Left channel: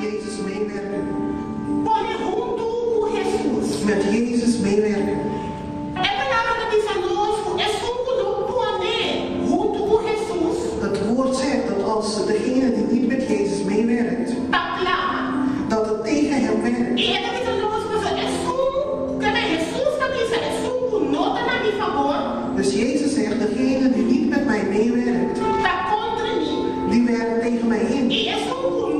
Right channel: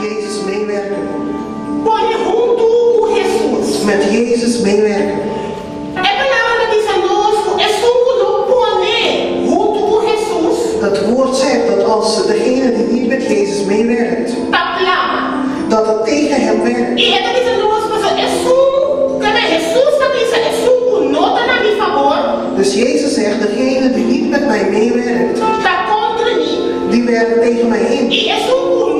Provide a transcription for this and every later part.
Jezus meewerken. Pone junto com Jesus. Met Jezus meewerken. É palavra que diz a nós, é só não pone junto com Jesus. Het woord zegt dat als degene die niet met Jezus meewerkt, dat het tegen hem werkt. E ele diz a nós, é só, cadê Jesus que diz, é só nota na minha favor. Dus Jezus zegt, degene die niet met mij meewerkt, Tá contra mim. die werkt tegen mij in. E é só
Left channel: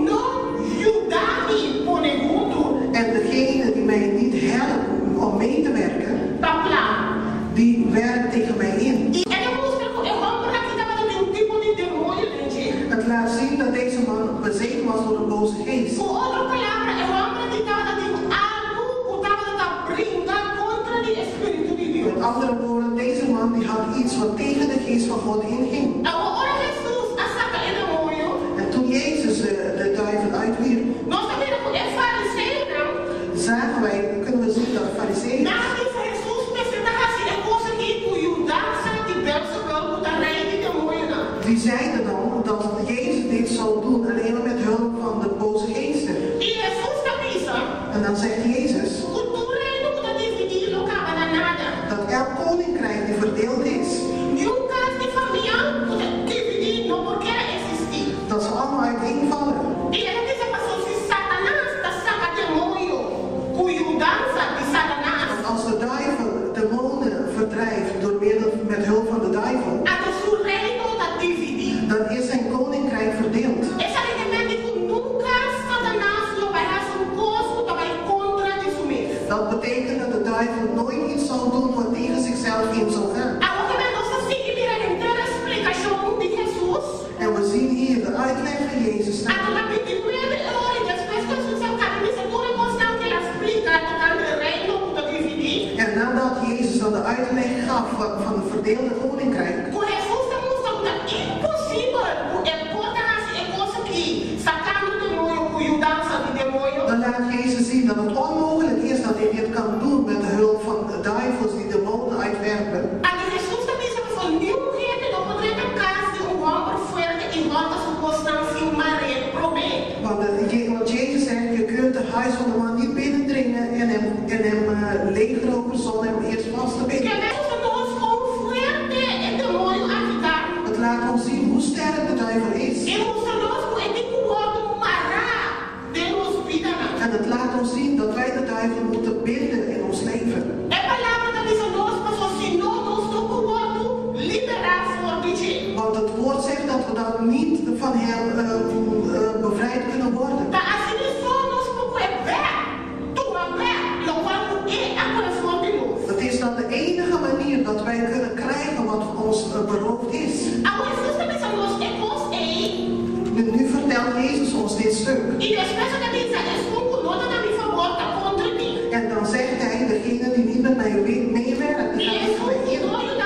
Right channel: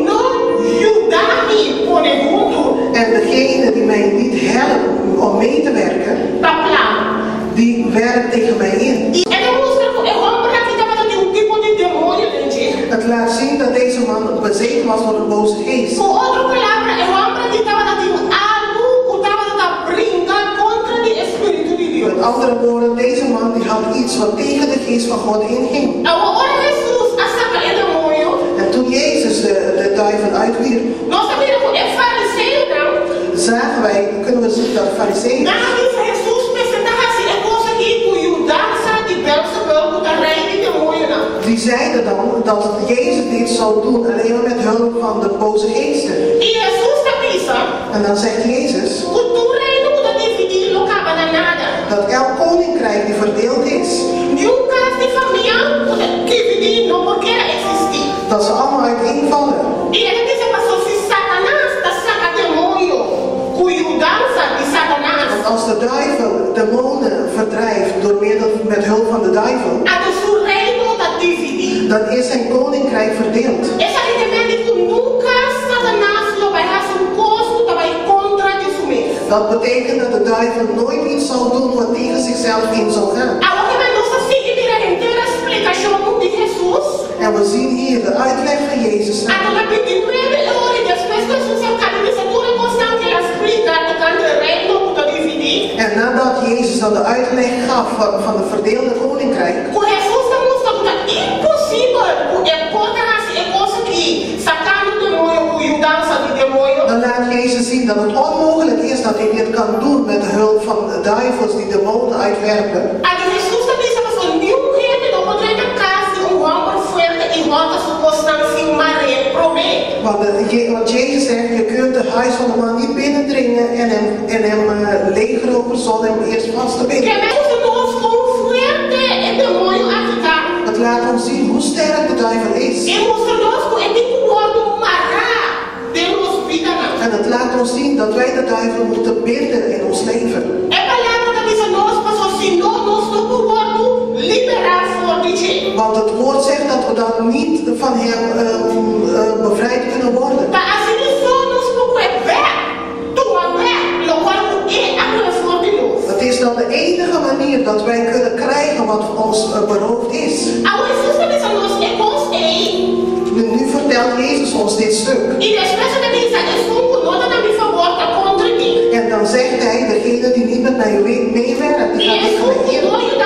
não ajudar-me pone junto. En degene die mij niet helpt om mee te werken, die werkt tegen mij in. Het laat zien dat deze man bezeten was door een boze geest. Met andere woorden, deze man die had iets wat tegen de geest van God inging. En toen Jezus de duivel uitwierp, zagen wij, kunnen we zien dat fariseeën. Die zeiden dan dat Jezus dit zou doen alleen maar met hulp van de boze geesten. En dan zegt Jezus dat elk koninkrijk die verdeeld is, dat ze allemaal uiteenvallen. Want als de duivel demonen verdrijft door middel met hulp van de duivel, dan is zijn koninkrijk verdeeld. Dat betekent dat de duivel nooit iets zal doen wat tegen zichzelf in zal gaan. En we zien hier de uitleg van Jezus. En nadat Jezus dan de uitleg gaf van de verdeelde koninkrijk, dan laat Jezus zien dat het onmogelijk is dat hij dit kan doen met de hulp van de duivels die demonen uitwerpen. Want Jezus zegt, je kunt de huis van de man niet binnendringen en hem legerroven zonder hem eerst vast te binden. Het laat ons zien hoe sterk de duivel is. En het laat ons zien dat wij de duivel moeten binden in ons leven. Want het woord zegt dat we dan niet van hem bevrijd kunnen worden. Het is dan de enige manier dat wij kunnen krijgen wat ons beroofd is. Nu vertelt Jezus ons dit stuk. En dan zegt hij, degene die niet met mij meewerkt, die gaat tegen mij in.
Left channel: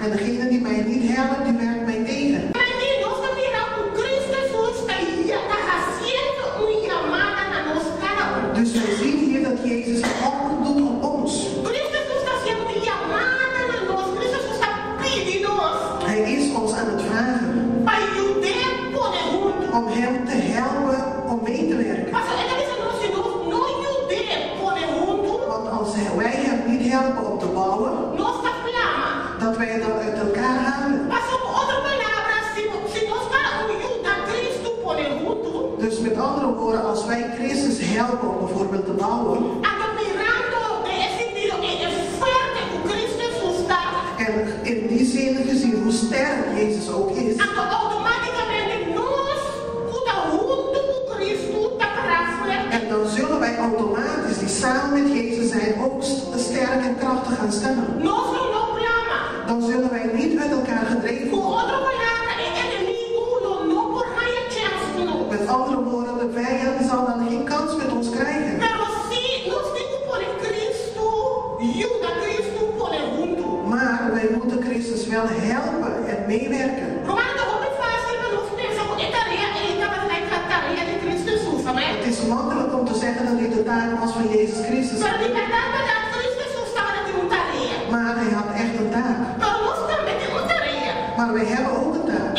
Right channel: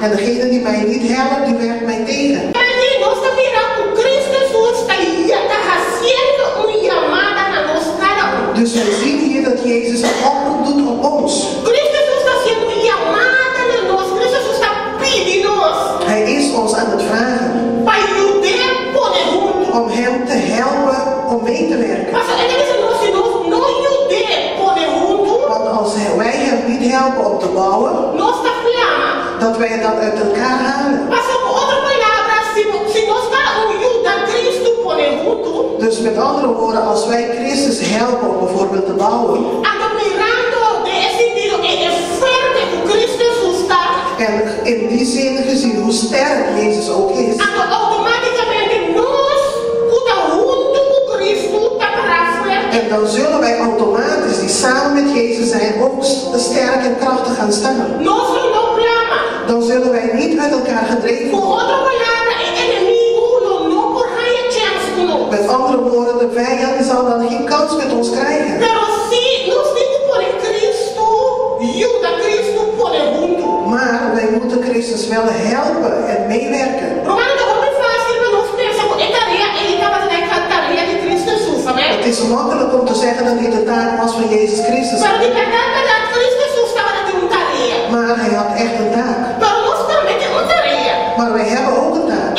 En degene die mij niet helpt, die werkt mij tegen. Dus wij zien hier dat Jezus een oproep doet op ons. Hij is ons aan het vragen om hem te helpen om mee te werken. Want als wij hem niet helpen om te bouwen, dat wij het dan uit elkaar halen. Dus met andere woorden, als wij Christus helpen om bijvoorbeeld te bouwen, en in die zin gezien hoe sterk Jezus ook is, en dan zullen wij automatisch die samen met Jezus zijn ook sterk en krachtig gaan staan. Dan zullen wij niet met elkaar gedreven worden. Met andere woorden, de vijand zal dan geen kans met ons krijgen. Maar wij moeten Christus wel helpen en meewerken. Het is makkelijk om te zeggen dat dit de taak was van Jezus Christus. Maar hij had echt een taak. Maar wij hebben ook een taak.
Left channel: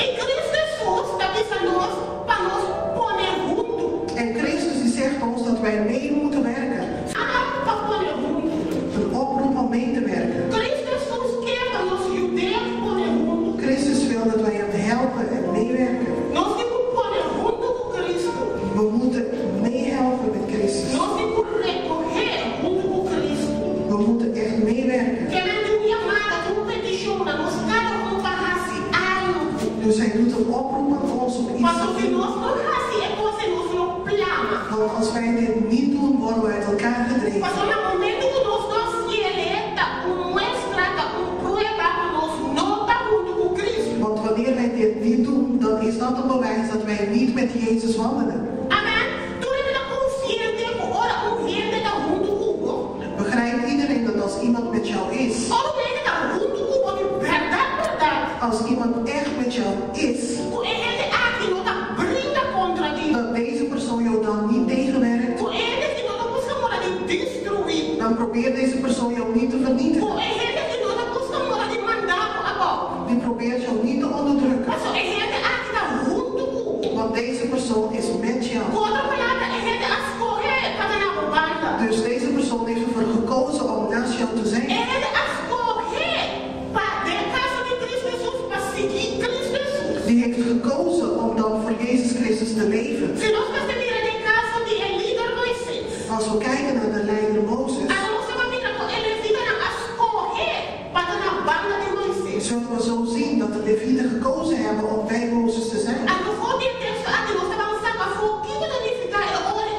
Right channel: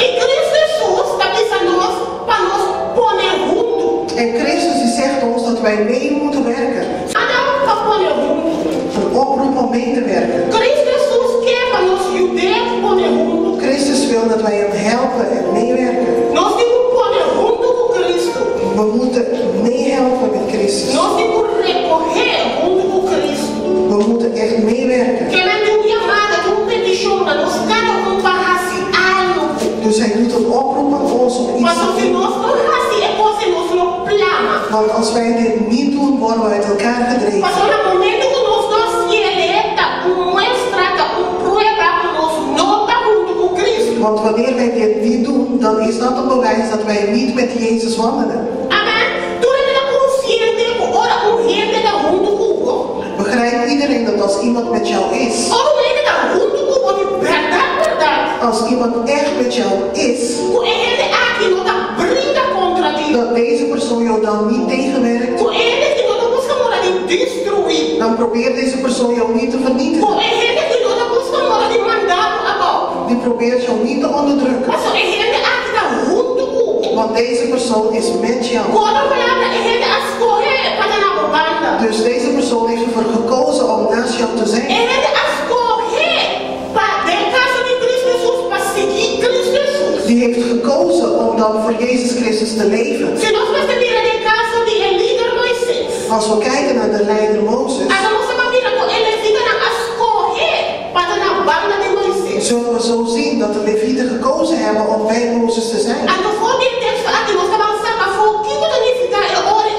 wij hem helpen en meewerken. Nós temos que pôr junto com Cristo. We moeten meehelpen met Christus. Nós temos que recorrer junto com Cristo. We moeten echt meewerken. Que ela tem uma chamada, tem uma petição, nós cada um vai fazer algo. Dus hij doet een oproep aan ons om iets Mas te se doen. nós não fazemos, é coisa nós não plama. Want als wij dit niet doen, worden we uit elkaar gedreven. Mas no momento que nós se eleta, mostra, prueba que nós não estamos junto com Cristo. Want wanneer wij dit niet doen, dan is dat een bewijs dat wij niet met Jezus wandelen. Amen. Tu ainda consciente, ora com gente que junto com Begrijpt iedereen dat als iemand met jou is, ora ele está junto com verdade. als iemand echt met jou is, Com ele aqui não está briga contra ti. dat deze persoon jou dan niet tegenwerkt, Com ele que não busca morar de destruir. dan probeert deze persoon jou niet te Com vernietigen. ele que não busca morar de mandar abaixo. Die probeert jou niet te onderdrukken. Mas ele aqui está junto com. Want deze persoon is met jou. Com outra palavra, ele escolhe para na banda. Dus deze persoon heeft ervoor gekozen om naast jou te zijn. Ele escolhe para de casa de Cristo Jesus para seguir Cristo Jesus. Die heeft gekozen om dan voor Jezus Christus te leven. Se nós percebermos de casa de líder Moisés, Als we kijken naar de leider Mozes, a nossa família com ele fica na escolher para na banda de Moisés. zullen we zo zien dat de Levieten gekozen hebben om bij Mozes te zijn. A no fundo do texto aqui nós estamos avançando, mas o que significa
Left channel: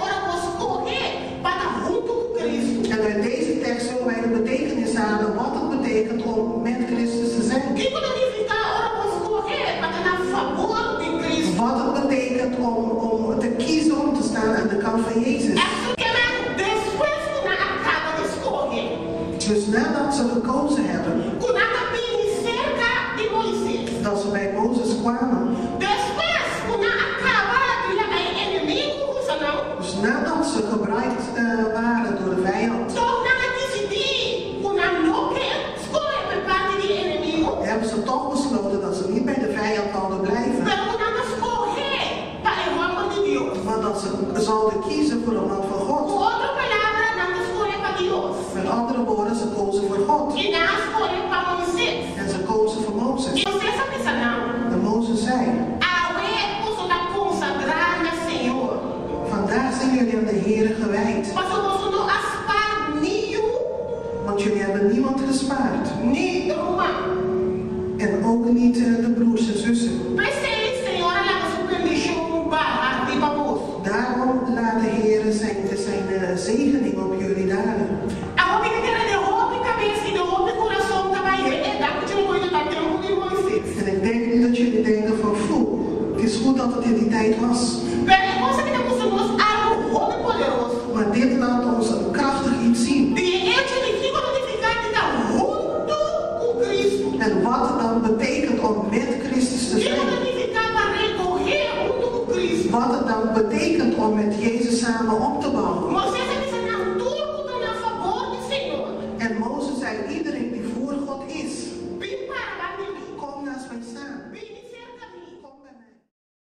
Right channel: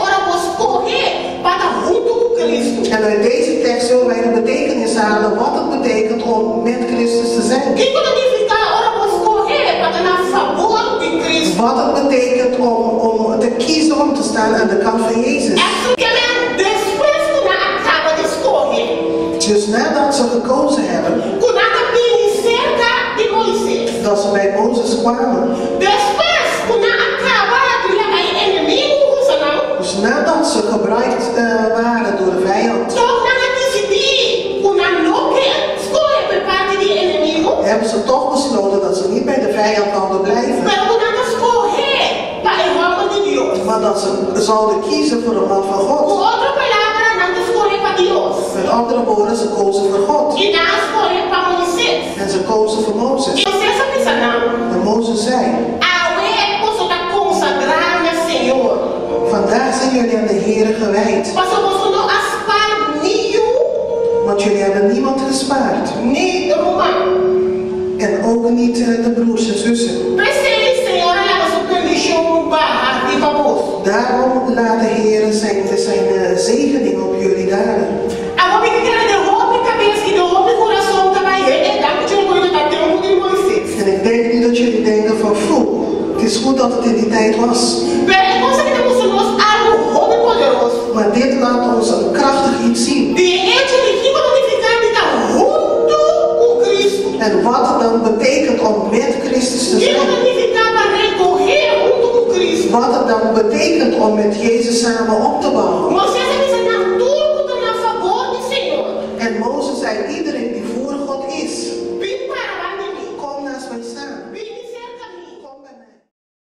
ora vos escolher para junto com Cristo. En uit deze tekst zullen wij de betekenis halen wat het betekent om met Christus te zijn. O que significa ora vos escolher para na favor de Cristo. Wat het betekent om te kiezen om te staan aan de kant van Jezus. Depois que nós acaba de escolher, Dus nadat ze gekozen hebben, quando nós vimos cerca de Moisés, dat ze bij Mozes kwamen. depois quando nós acaba de levar inimigo, Dus nadat ze gebruikt waren door de vijand, hebben ze toch besloten dat ze niet bij de vijand zouden blijven. Maar dat ze zouden kiezen voor de man van God. Met andere woorden, ze kozen voor God. En ze kozen voor Mozes. En Mozes zei: vandaag zijn jullie aan de Heere gewijd. Want jullie hebben niemand gespaard. En ook niet de broers en zussen. Daarom laat de Heere zijn zegening op jullie dalen. En ik denk niet dat jullie denken van, het is goed dat het in die tijd was. Maar dit laat ons een krachtig iets zien. En wat het dan betekent om met Christus te zijn. Wat het dan betekent om met Jezus samen op te bouwen.